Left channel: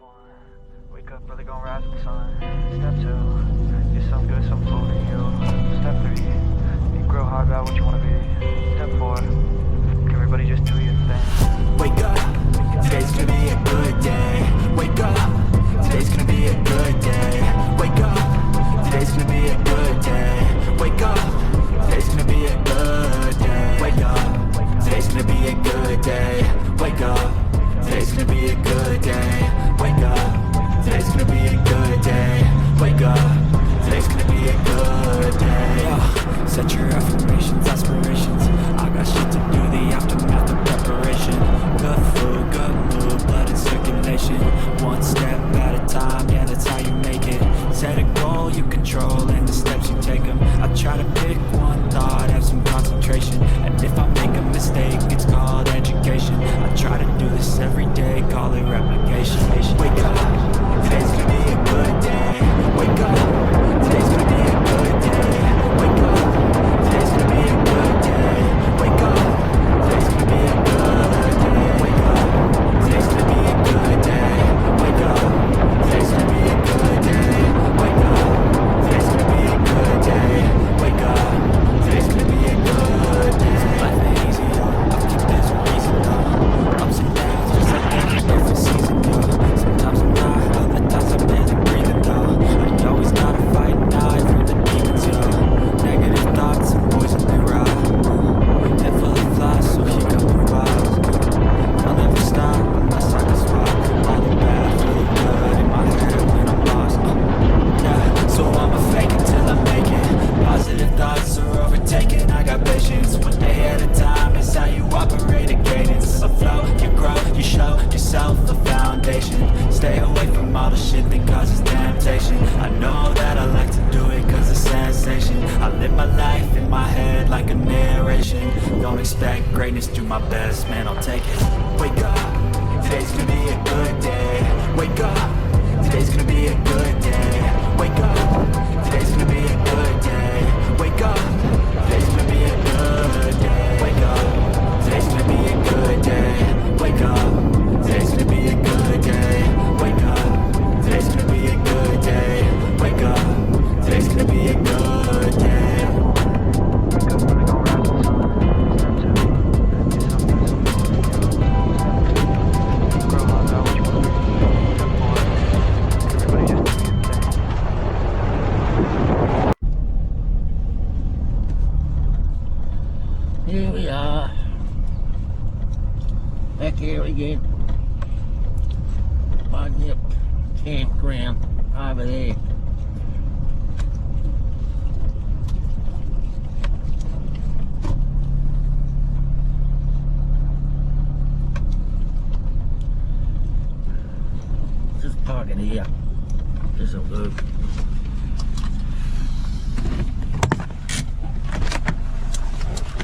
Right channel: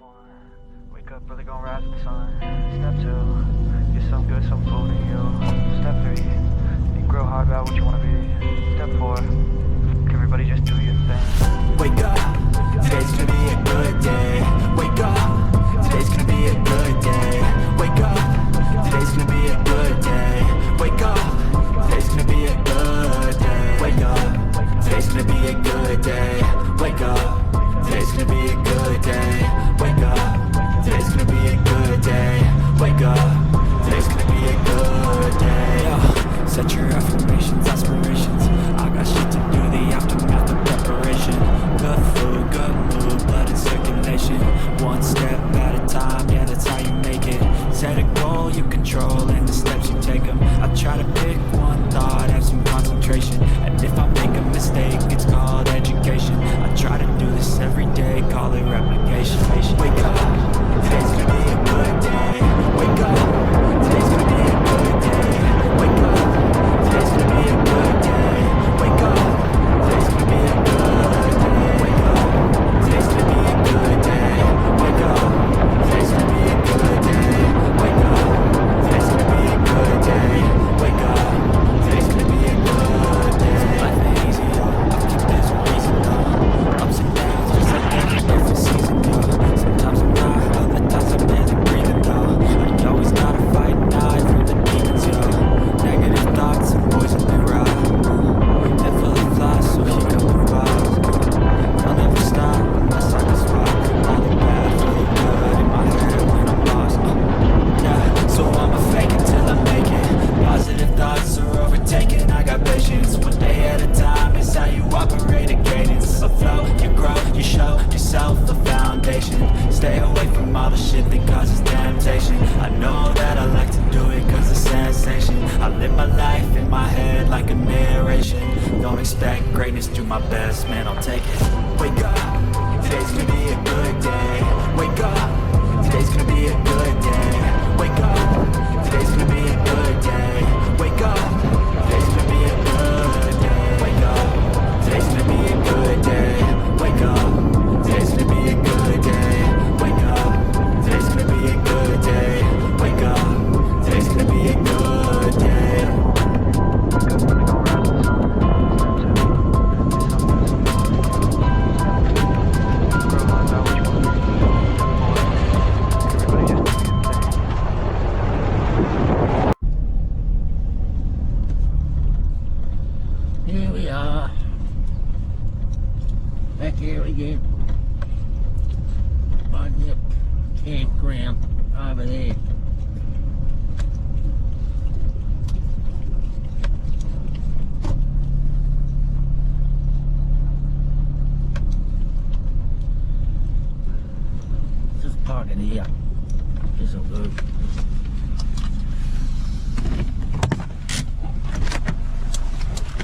1, wake up, brother, gonna rise with the sun. Step 2, get some good, some food in you. Step 3, think real hard about what you wanna be. Step 4, everybody just do your thing. Wake up, today's gonna be a good day. Wake up, today's gonna be a good day. Wake up, today's gonna be a good day. Wake up, today's gonna be a good day. Wake up, today's gonna be a good day. Wake up, today's gonna be a good day. Wake up, today's gonna be a good day. Wake up, today's gonna be a good day. Yo, set your affirmations, aspirations. I got shit to do, the aftermath of preparation. Good food, good mood, blood in circulation. One step at a time, yeah, that's how you make it. Set a goal you control and the steps you take them. I try to pick one thought, have some concentration. And if I make a mistake, it's called education. I try to do this every day, call it replication. Wake up, today's gonna be a good day. Wake up, today's gonna be a good day. Wake up, today's gonna be a good day. Wake up, today's gonna be a good day. Wake up, today's gonna be a good day. Wake up, today's gonna be a good day. Wake up, today's gonna be a good day. Wake up, today's gonna be a good day. Life ain't easy, yo. I think there's a reason, though. Ups and downs, just like every different season, yo. Sometimes I'm high, other times I'm barely breathing, though. I always gotta fight and die from the demons, yo. Negative thoughts and poison they ride. They're full of flies, so here come the vibes. I'll never stop unless I can spot all the bad for the good in my head when I'm lost. Yeah, so I'ma fake it till I make it. Positive thoughts are overtaken, I got patience. One day at a time is how you operate a cadence. A flow, you grow, you show yourself a foundation. Stay away from all the shit that causes temptation. I know that I like to do it cause it's sensation. I live my life in my head like a narration. Don't expect greatness, do my best, man, I'll take it. Wake up, today's gonna be a good day. Wake up, today's gonna be a good day. Wake up, today's gonna be a good day. Wake up, today's gonna be a good day. Wake up, today's gonna be a good day. Wake up, today's gonna be a good day. Wake up, today's gonna be a good day. Wake up, today's gonna be a good day. Wake up, brother, gonna rise with the sun. Step 2, get some good, some food in you. Step 3, think real hard about what you wanna be. Step 4, everybody just do your thing. Here we are, back here again. Bunyip campground over there. Just parking here. This'll do.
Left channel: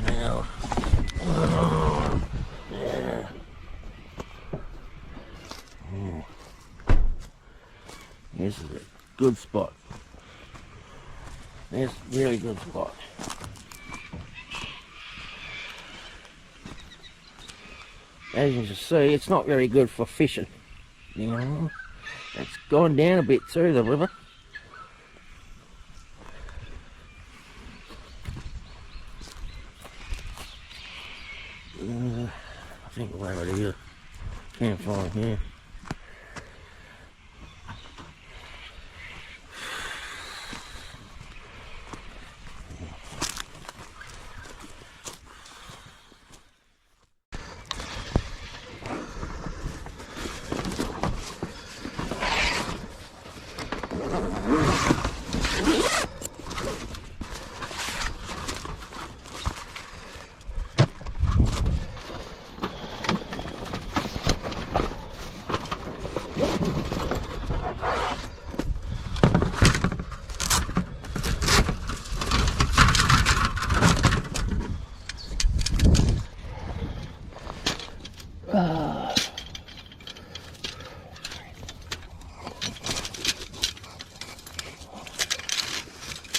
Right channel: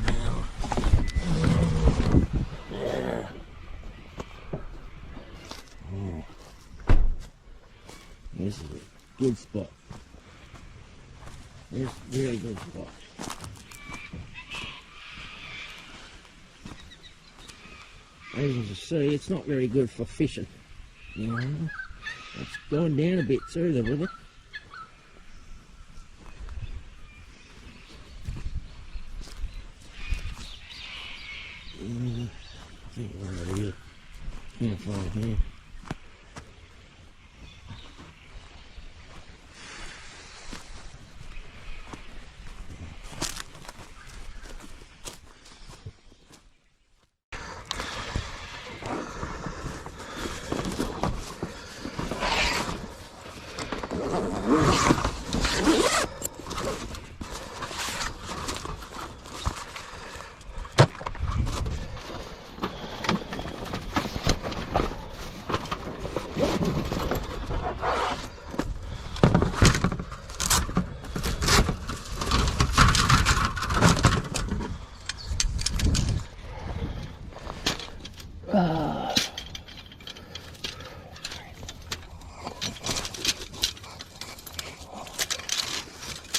Now, yeah. This is a good spot. This is a very good spot. As you can see, it's not very good for fishing. You know, it's gone down a bit through the river. I think we're over here. Campfire here.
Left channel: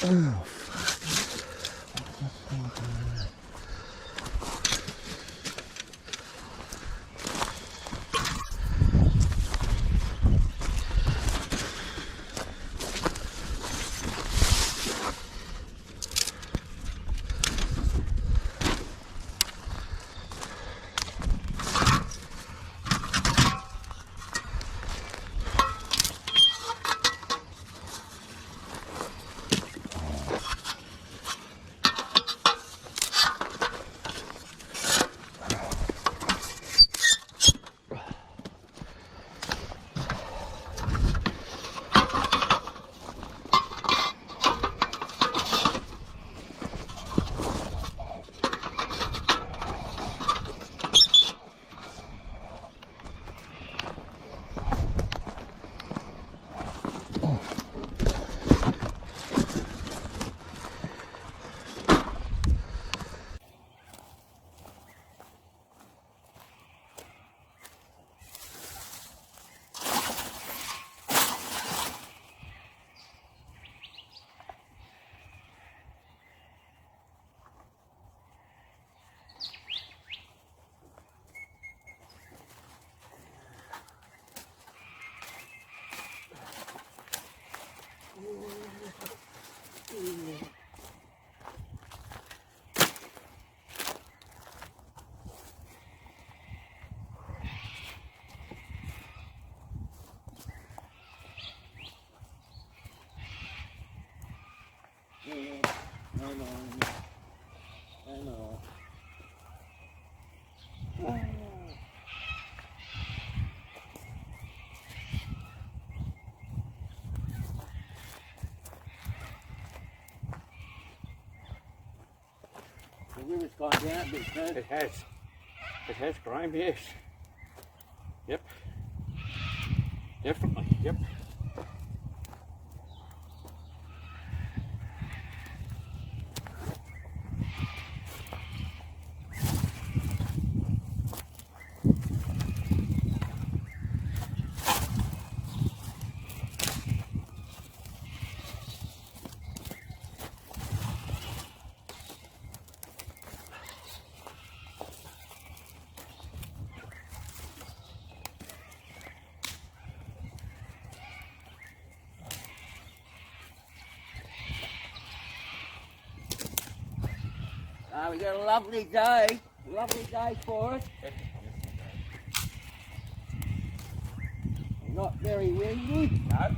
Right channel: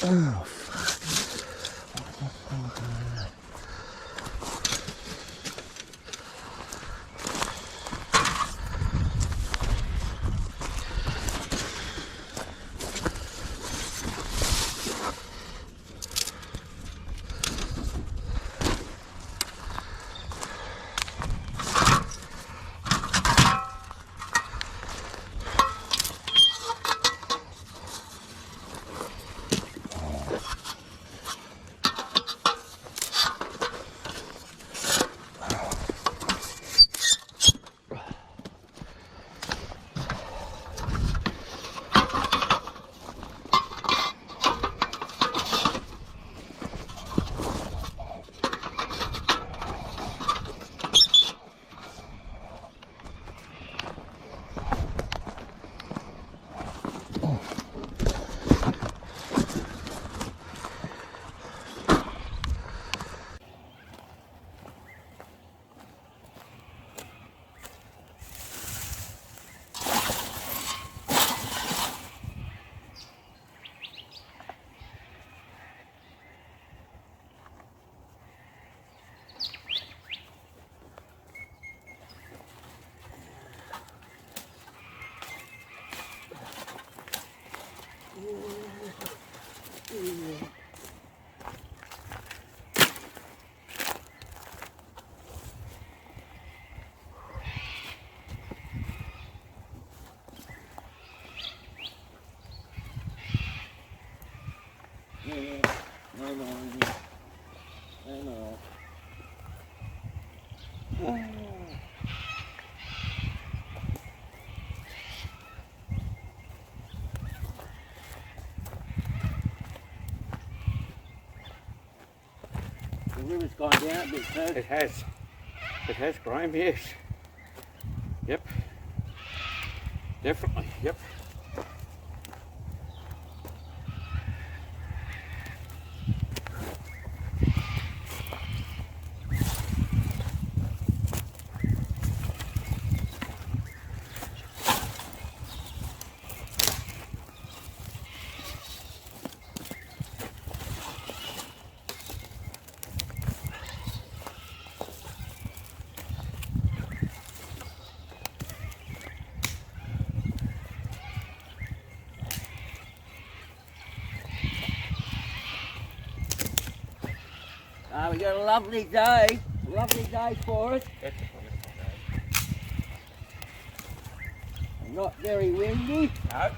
Oh, fuck. going on here. Hang on. The river's gone down a bit too. It has. It has, Graham, yes. Yep. Definitely, yep. We got a lovely day for us. Not very windy. No.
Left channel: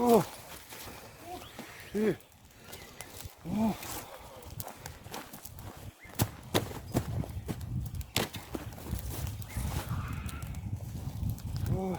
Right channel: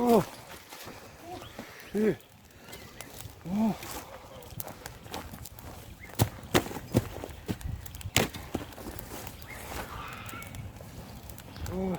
Oh. Yeah. Oh. Oh.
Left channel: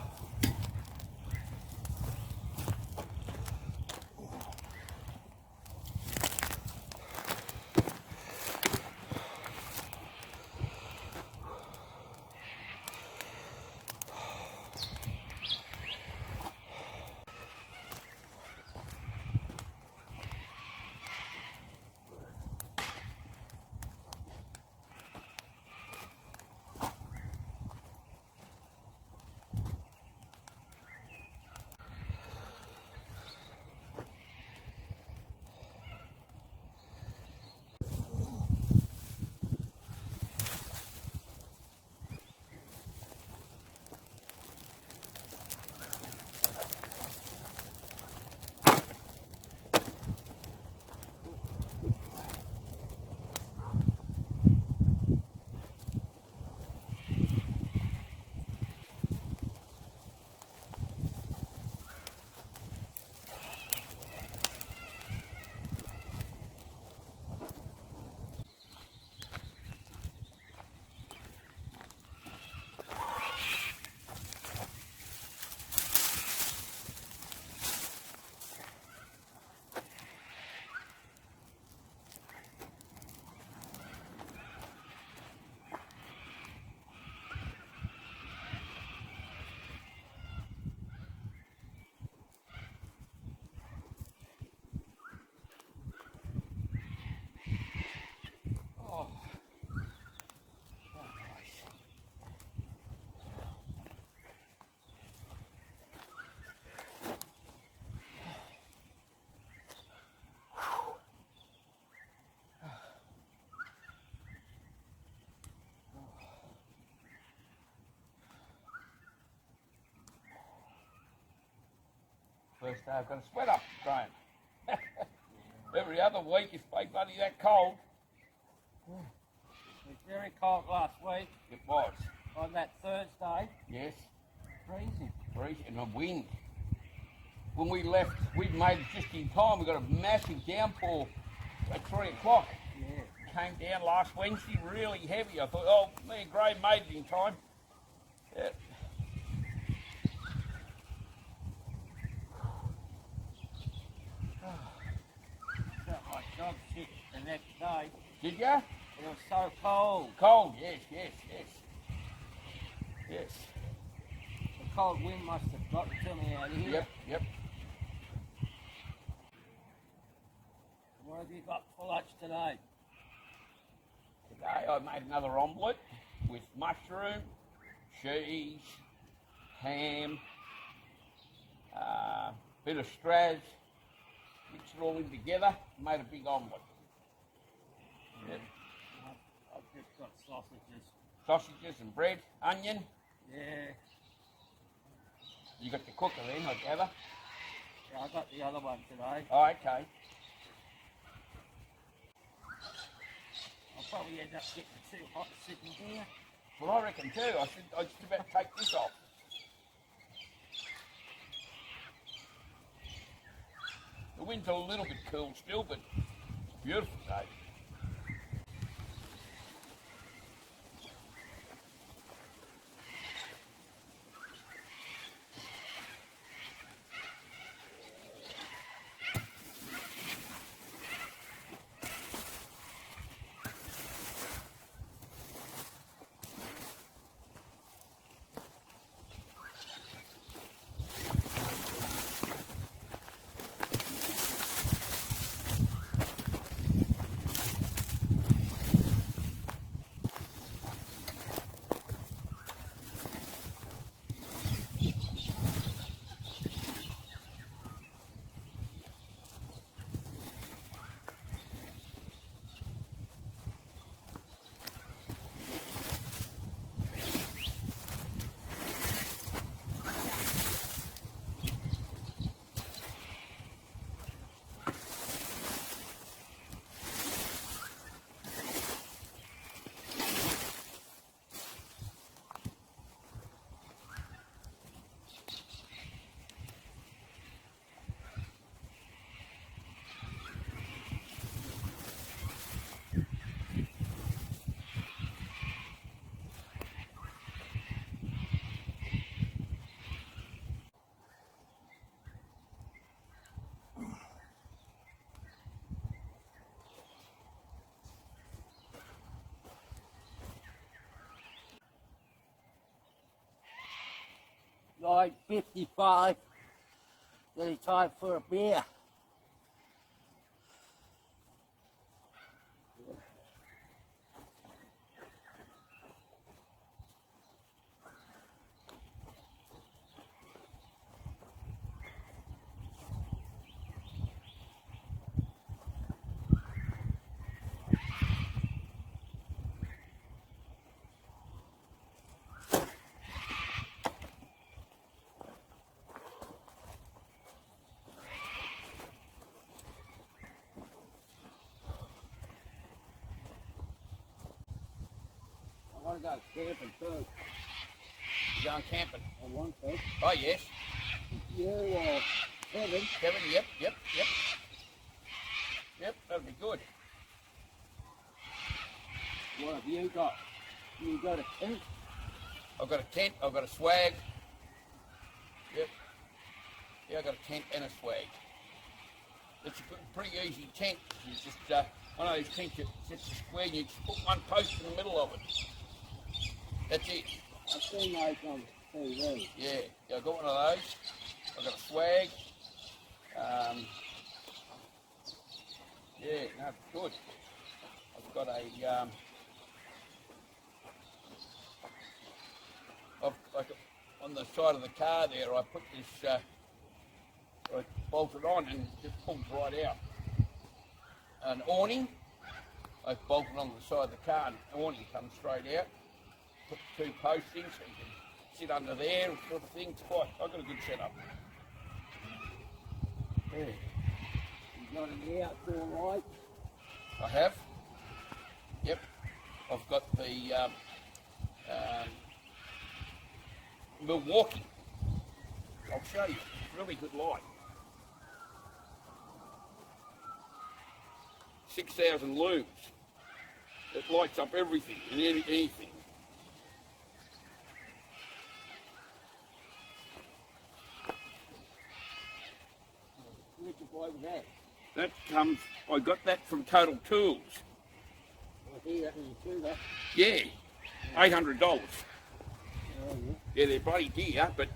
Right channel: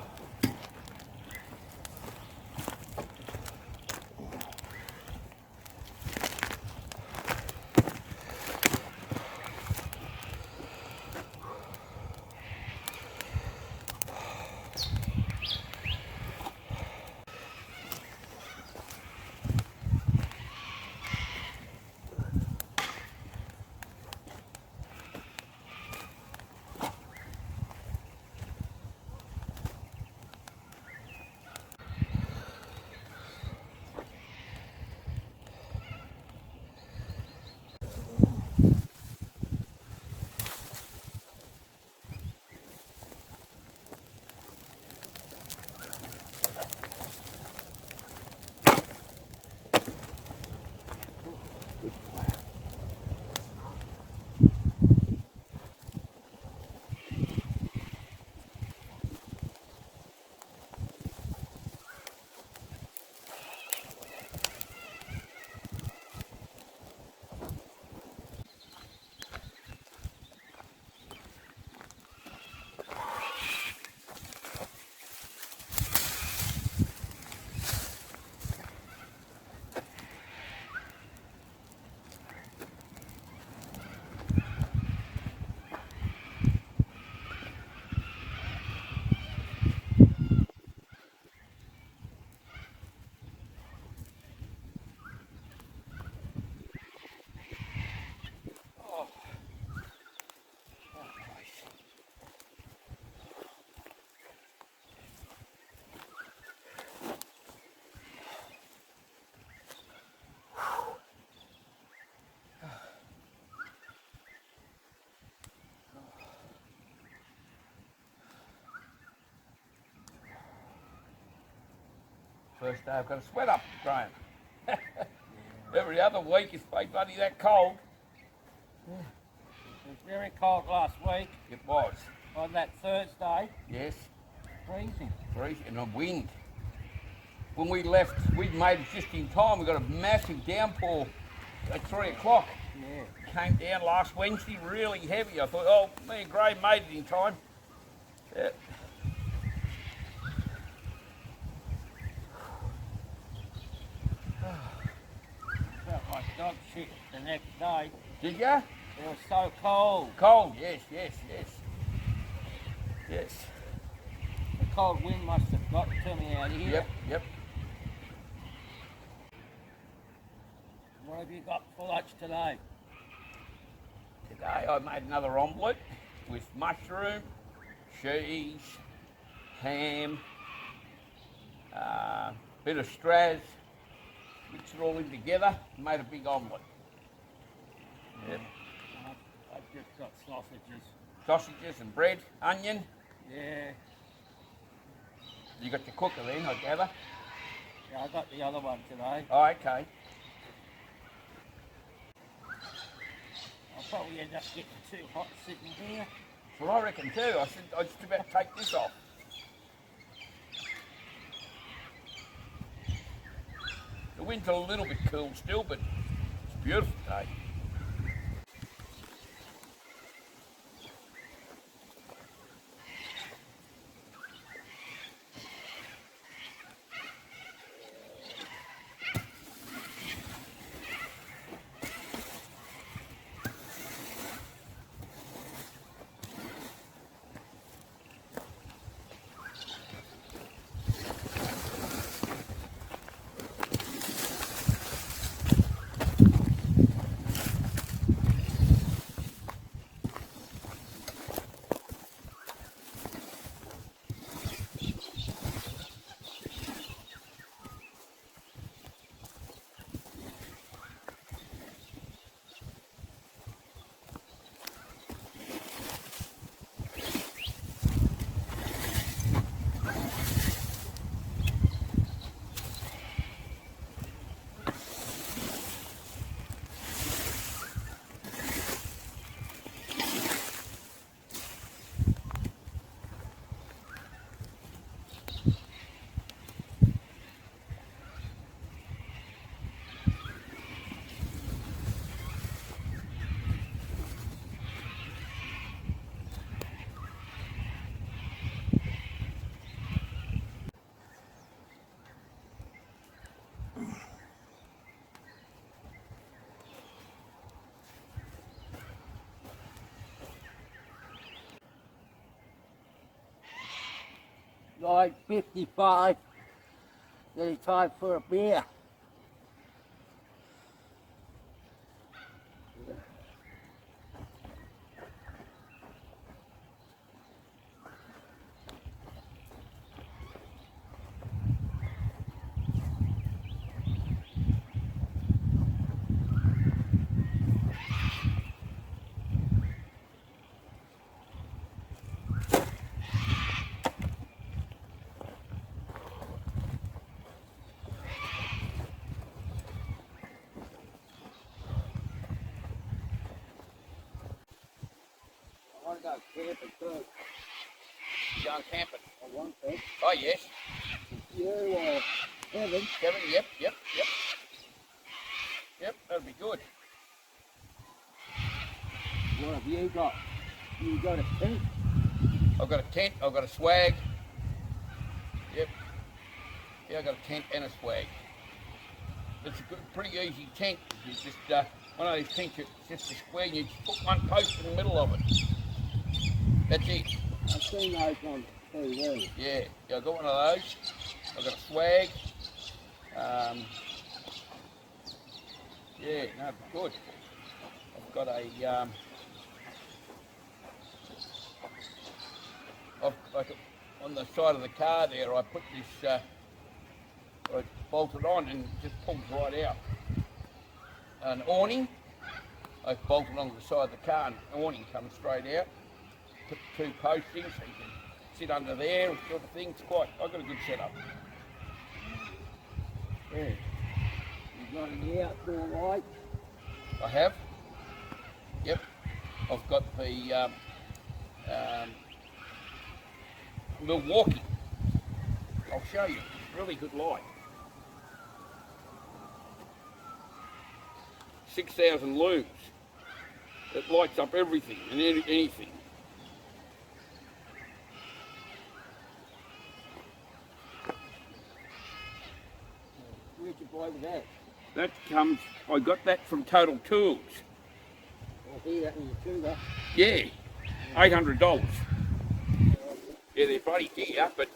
First day I've got a sweat up, Graham. Every other week it's been bloody that cold. It was very cold last week. It was. On that Thursday, Yes. freezing. Freezing and a wind. When we left, we'd made it just in time. We got a massive downpour at 3 o'clock. Yeah. Came down last Wednesday, really heavy. I thought, oh, me and Graham made it in time. Yeah. Felt like dog shit the next day. Did ya? It was so cold. Cold, yes. Yes. The cold wind must have got to me out here. Yep. What have you got for lunch today? Today I made another omelette with mushroom, cheese, ham, bit of straws, mixed it all in together, made a big omelette. Yep. I've just got sausages. Sausages and bread, onion. Yeah. You got your cooker then, I gather. Yeah, I got the other one today. Oh, okay. I'll probably end up getting too hot sitting here. Well, I reckon too. I said I just about to take this off. The wind's a little bit cool still, but it's a beautiful day. Like 55, then it's time for a beer. I want to go camping too. You going camping? I want to. Oh, yes. You Kevin. Kevin, yep. Yep, that'll be good. What have you got? You got a tent? I've got a tent, I've got a swag. Yep. Yeah, I've got a tent and a swag. It's a good, pretty easy tent. It's just one of those tents, it's just a square, you just put one post in the middle of it. That's it. I've seen those on TV. Yeah, I've got one of those. I've got a swag. Yeah, no, good. I've got a, on the side of the car there, I put this, I bolt it on and it just pulls right out. An awning, I bolted onto the side of the car and the awning comes straight out. Put 2 posts in so you can sit under there and sort of thing. It's quite, I've got a good setup. Yeah. You've got an outdoor light. I have. Yep. I've got the Milwaukee. I'll show you. Really good light. 6,000 looms. It lights up everything and anything. Where'd you buy that? That comes, I got that from Total Tools. I hear that in your tuber. Yeah, $800. Yeah, they're bloody dear, but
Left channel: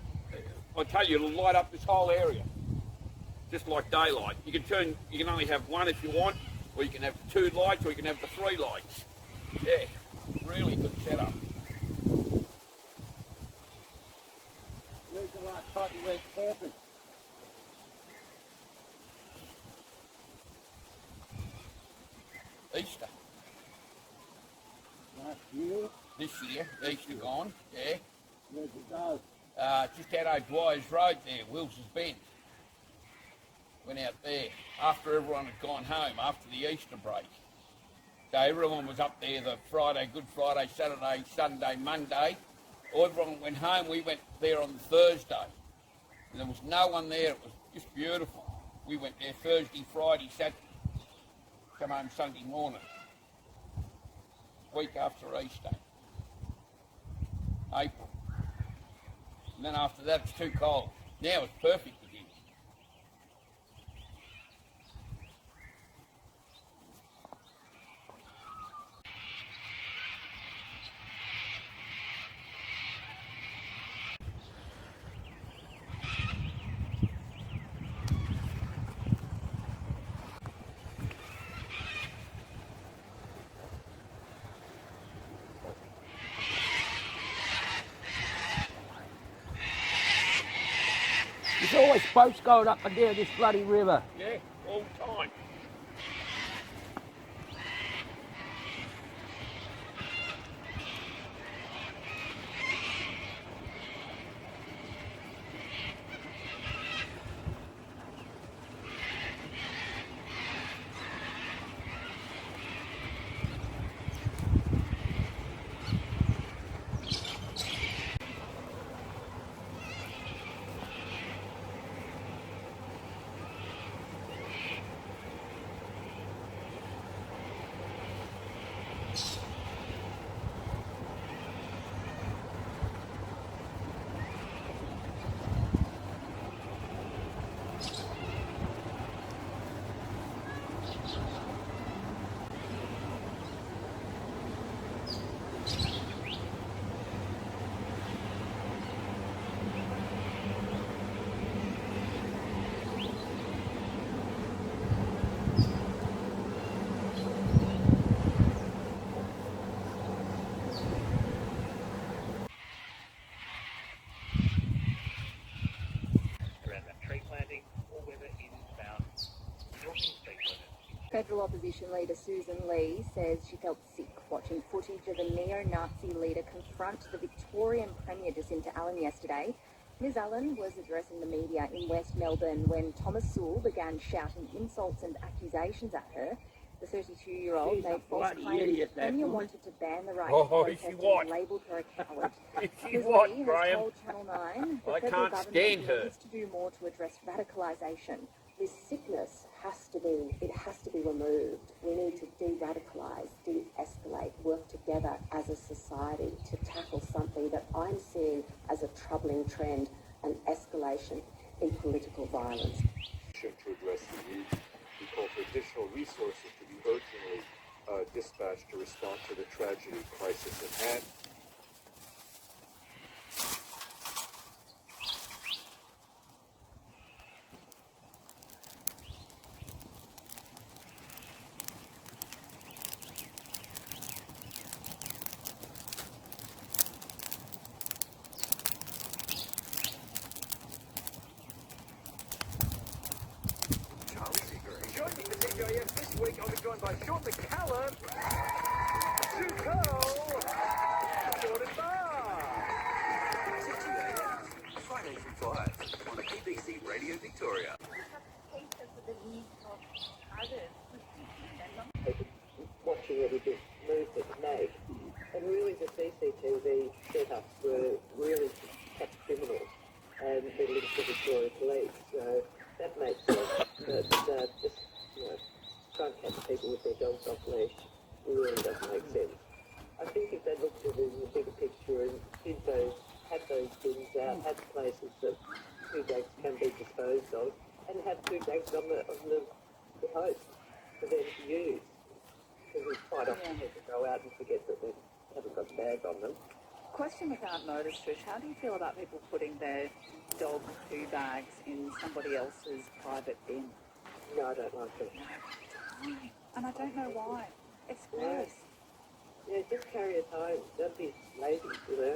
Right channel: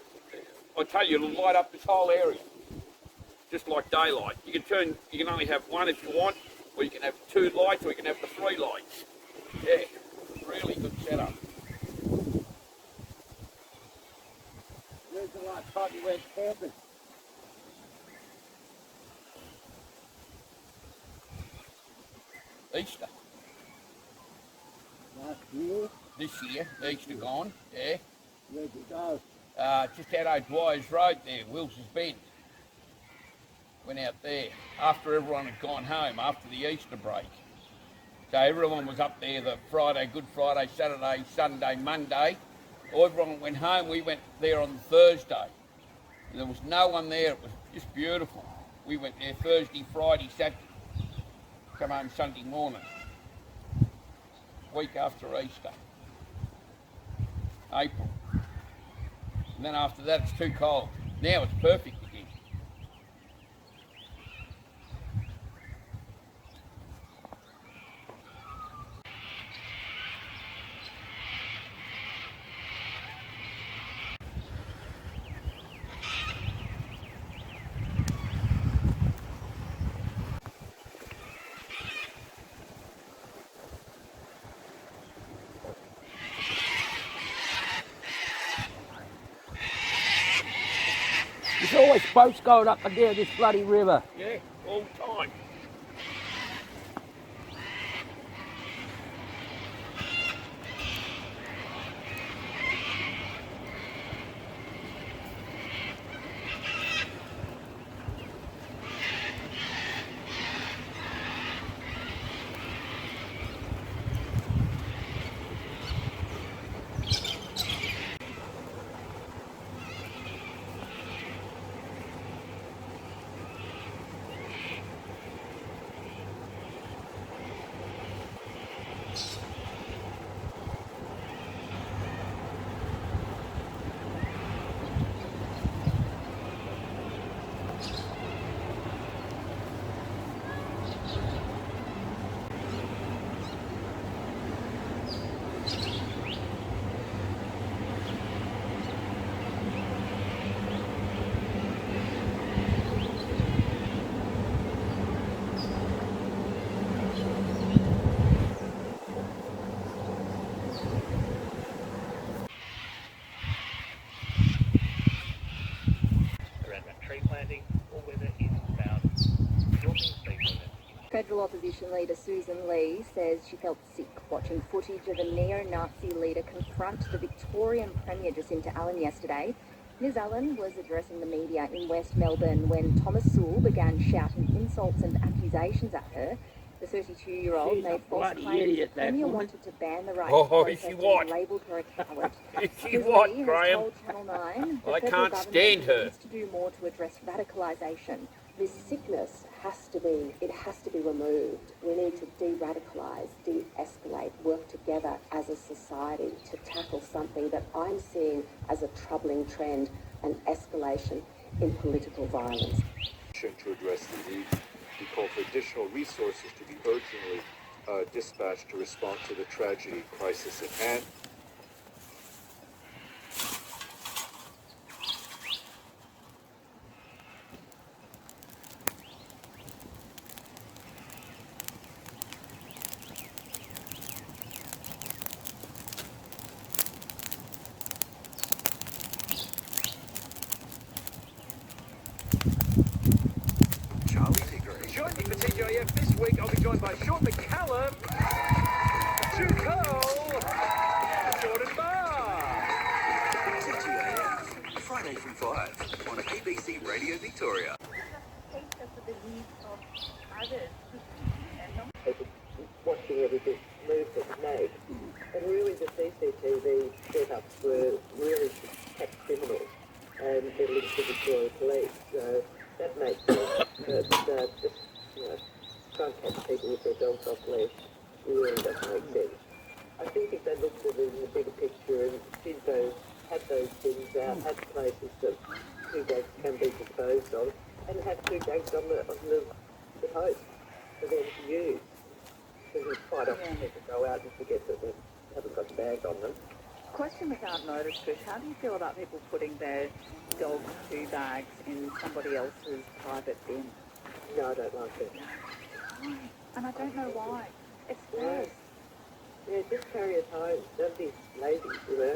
I tell you, it'll light up this whole area. Just like daylight. You can only have one if you want, or you can have 2 lights, or you can have the 3 lights. Yeah, really good setup. Where's the last time you went camping? Easter. Last year? This year, Easter gone, yeah. Where'd you go? Just out O'Dwyer's Road there, Wilson's Bend. Went out there after everyone had gone home, after the Easter break. So everyone was up there the Friday, Good Friday, Saturday, Sunday, Monday. Everyone went home, we went there on Thursday. And there was no one there, it was just beautiful. We went there Thursday, Friday, Saturday, come home Sunday morning. Week after Easter. April. And then after that it's too cold. Now it's perfect again. There's always boats going up and down this bloody river. Yeah, all the time. Federal opposition leader Susan Lee says she felt sick watching footage of a neo-Nazi leader confront the Victorian Premier Jacinta Allen yesterday. Ms Allen was addressing the media in West Melbourne when Thomas Sewell began shouting insults and accusations at her. The 32-year-old She's a made false bloody claims idiot, the that Premier woman. wanted to ban the right Oh, to protest is she and what? labelled her a coward. Is she Ms what, Lee has Graham? told Channel 9 the I federal can't government stand her. needs to do more to address radicalisation. This sickness has to be removed. We need to de-radicalise, de-escalate, work together as a society to tackle something that I'm seeing as a troubling trend, an escalation in political violence. To address the need, we call for additional resources to be urgently dispatched to respond to the tragedy crisis at hand. Joining the TJF this week, I'll be joined by Sean McCallum, Sue Cole, Jordan Barr. TJF, Friday from 5 on ABC Radio Victoria. also for the needs of others. Watching every bit move that's made. And really the CCTV setups were really to catch criminals and they're linked to the Victoria Police. So that makes sense. But just, try and catch people with their dogs off leash really does make sense. I think if they looked at it in the bigger picture and had those things out, had places that two dogs can be disposed of, and have two dogs on the host for them to use. Because it's quite often people go out and forget that they haven't got the bag on them. Question we can't notice, Trish. How do you feel about people putting their dog poo bags in somebody else's private bin? No, I don't like it. And I don't know why. It's gross. Yeah, just carry it home. Don't be lazy,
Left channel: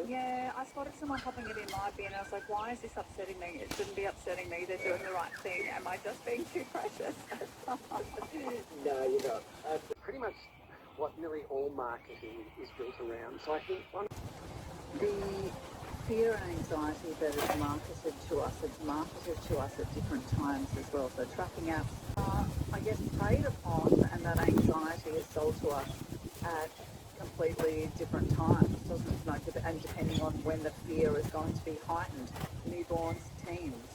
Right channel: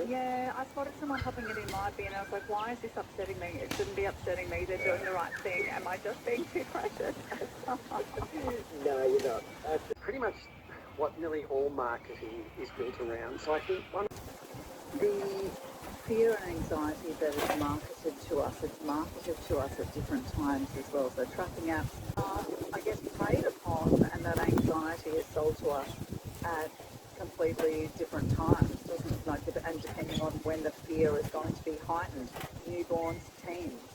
Yeah, I spotted someone popping it in my bin. I was like, why is this upsetting me? It shouldn't be upsetting me. They're doing the right thing. Am I just being too precious? No, you're not. Pretty much what nearly all marketing is built around. So I think The fear and anxiety that is marketed to us, it's marketed to us at different times as well. So tracking apps are, I guess, preyed upon, and that anxiety is sold to us at completely different times, doesn't it? Like, and depending on when the fear is going to be heightened, newborns, teens.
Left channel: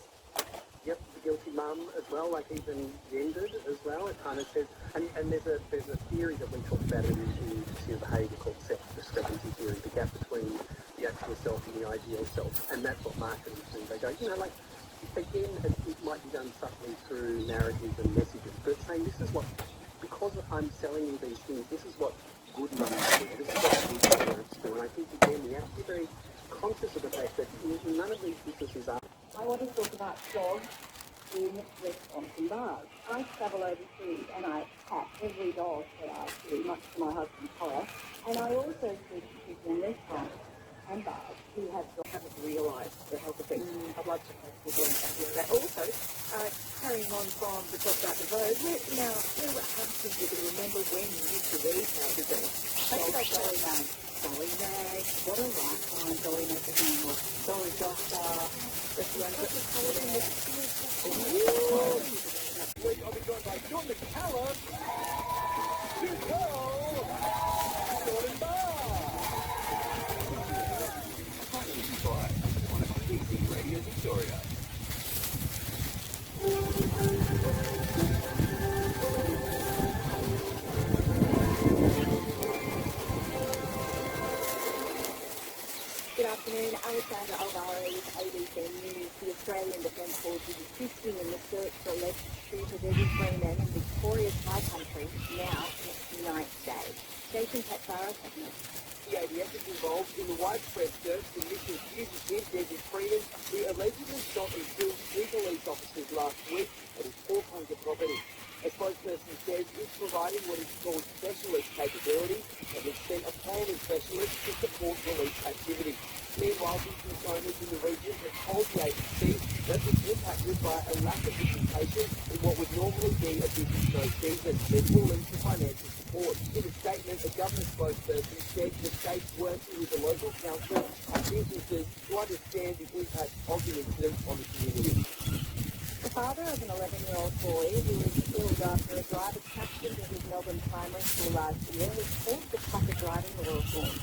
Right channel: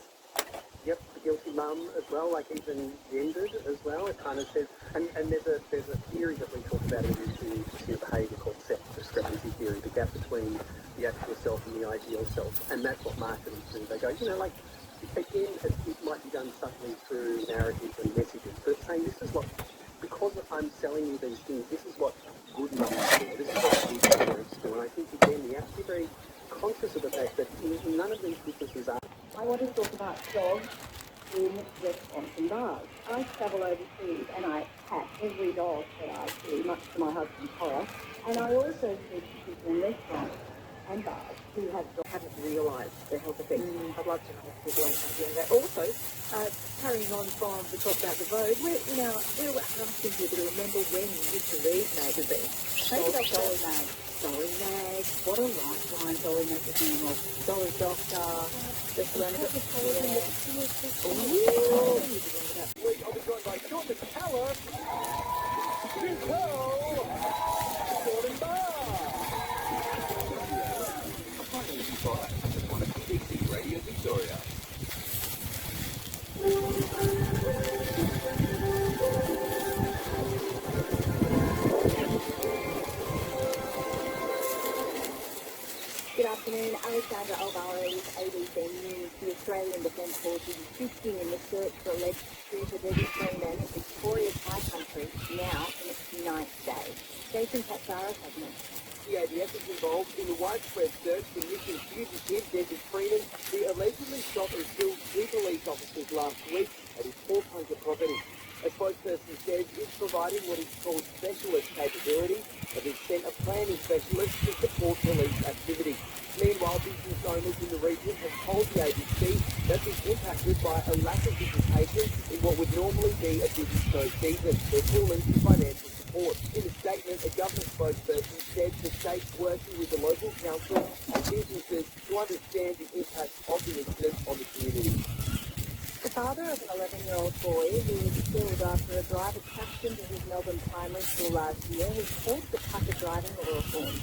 Yep, the guilty mum as well, like even gendered as well. It kind of says, and there's a theory that we talk about in your behaviour called discrepancy theory, the gap between the actual self and the ideal self, and that's what marketing do. They go, again, it might be done subtly through narratives and messages, but saying this is what, because I'm selling you these things, this is what good mums do, this is what good parents do, and I think again, we have to be very conscious of the fact that none of these businesses are. I want to talk about dogs in restaurants and bars. I travel overseas and I pat every dog that I see, much to my husband's horror. And I also speak to people in restaurants and bars who haven't realised the health effects. I'd like to know if people are doing that. Also, carrying on from the talk about the road, we're asking people to remember when you used to read magazines. Take that Dolly Mag. Dolly Mag, what a lifeline Dolly magazine was. Dolly Doctor, the Serenity. I'll be joined by Sean McCallum, Jordan Barr. Radio Victoria. Good afternoon, Alexandra Alvarez, ABC News. The Australian Defence Force is assisting in the search for alleged shooter registering men of Victoria's high country, now in its 9th day. Jason Campfire, Cabinet. The ADF is involved in the widespread search for missing fugitive Desert Freedom, who allegedly shot and killed 3 police officers last week at his Port Hunter property. A spokesperson says it's providing what is called specialist capability and has sent a planning specialist to support police activity. Meanwhile, business owners in the region have told the ABC that it's impacted by a lack of visitation in what would normally be a busy snow season, which will lead to financial support. In a statement, a government spokesperson said the state's working with the local council and businesses to understand the impact of the incident on the community. The father of an 11-year-old boy who was killed after a driver crashed into his Melbourne primary school last year has called the tracker driving law reform.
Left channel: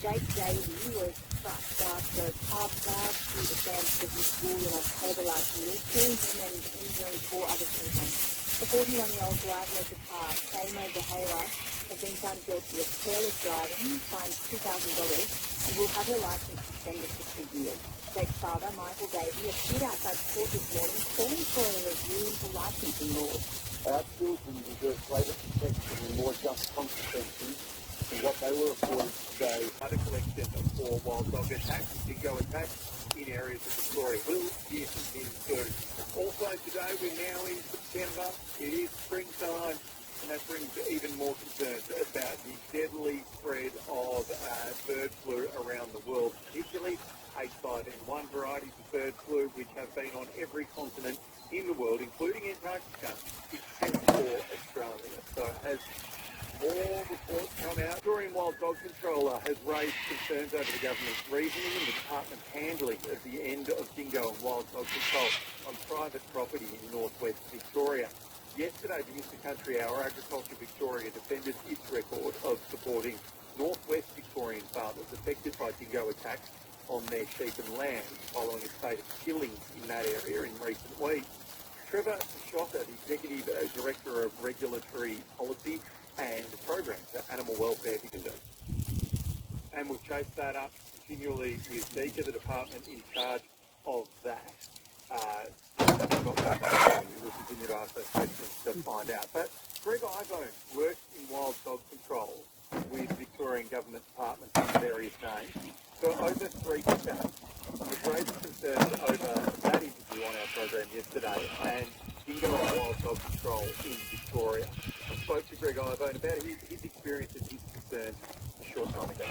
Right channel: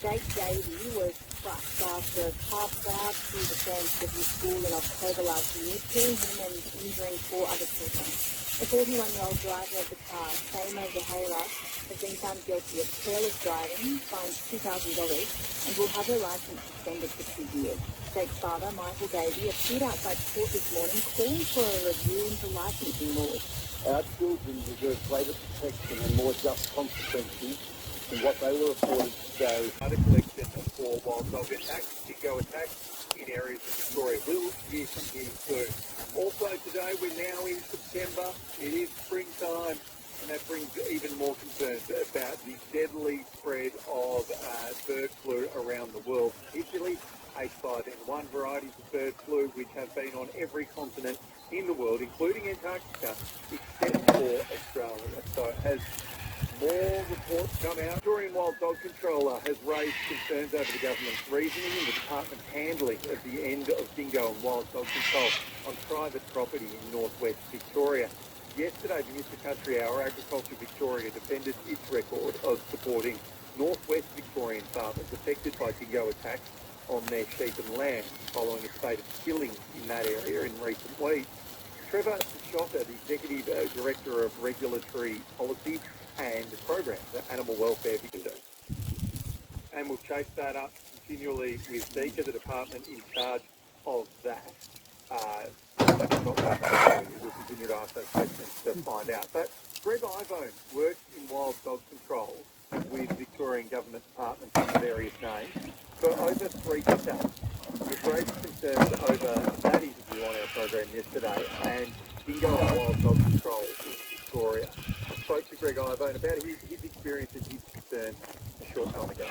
Jake Davey was crushed after a car barged through the fence of his school in October last year, killing him and injuring 4 other children. The 41-year-old driver of the car, Samo Zahara, has been found guilty of careless driving, fined $2,000, and will have her licence suspended for 2 years. Jake's father, Michael Davey, appeared outside court this morning calling for a review into licensing laws. Our children deserve greater protection and more just consequences than what they were afforded today. Data collection for wild dog attacks, dingo attacks in areas of Victoria will hear from you soon. Also today, we're now in September. It is springtime, and that brings even more concerns about the deadly spread of bird flu around the world, particularly H5N1 varieties of bird flu, which have been on every continent in the world, including Antarctica, except for Australia. So it has More reports come out. Victorian Wild Dog Controller has raised concerns over the government's reasoning and the department's handling of the end of dingo and wild dog control on private property in northwest Victoria. Yesterday, Mr. Country Hour, Agriculture Victoria defended its record of supporting northwest Victorian farmers affected by dingo attacks on their sheep and lambs following a spate of killings in that area in recent weeks. Trevor Shocker, the Executive Director of Regulatory Policy and Programs at Animal Welfare Victoria. And we'll chase that up continually with Dita, the department in charge of that. We'll continue to ask those questions to find out. But Greg Ivone works in wild dog control with Victorian government departments under various names for over 3 decades. We've raised concerns over that interview on our program yesterday and dingo and wild dog control in Victoria. I spoke to Greg Ivone about his experience and his concerns a short time ago.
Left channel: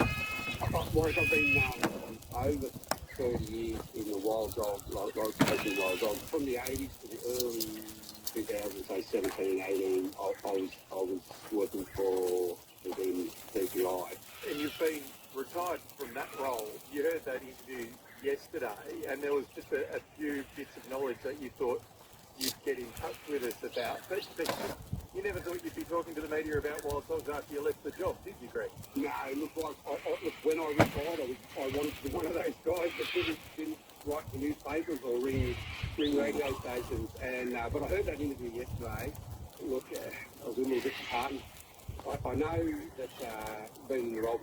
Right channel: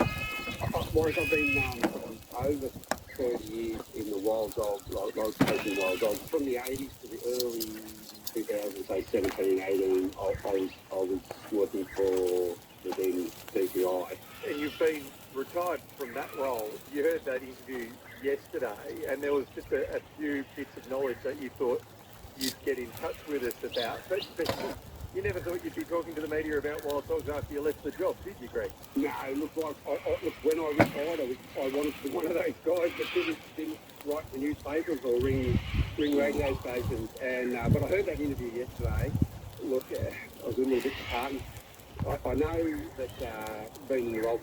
Mike, I've been over 30 years in the wild dog, chasing wild dogs. From the 80s to the early 2000s, say 17, 18, I was working for the then DPI. And you've been retired from that role. You heard that interview yesterday, and there was just a few bits of knowledge that you thought you'd get in touch with us about. But you never thought you'd be talking to the media about wild dogs after you left the job, did you, Greg? No, look, when I retired, I wanted to be one of those guys that didn't write the newspapers or ring radio stations. And but I heard that interview yesterday. Look, I was a little bit disheartened. I know that being in the role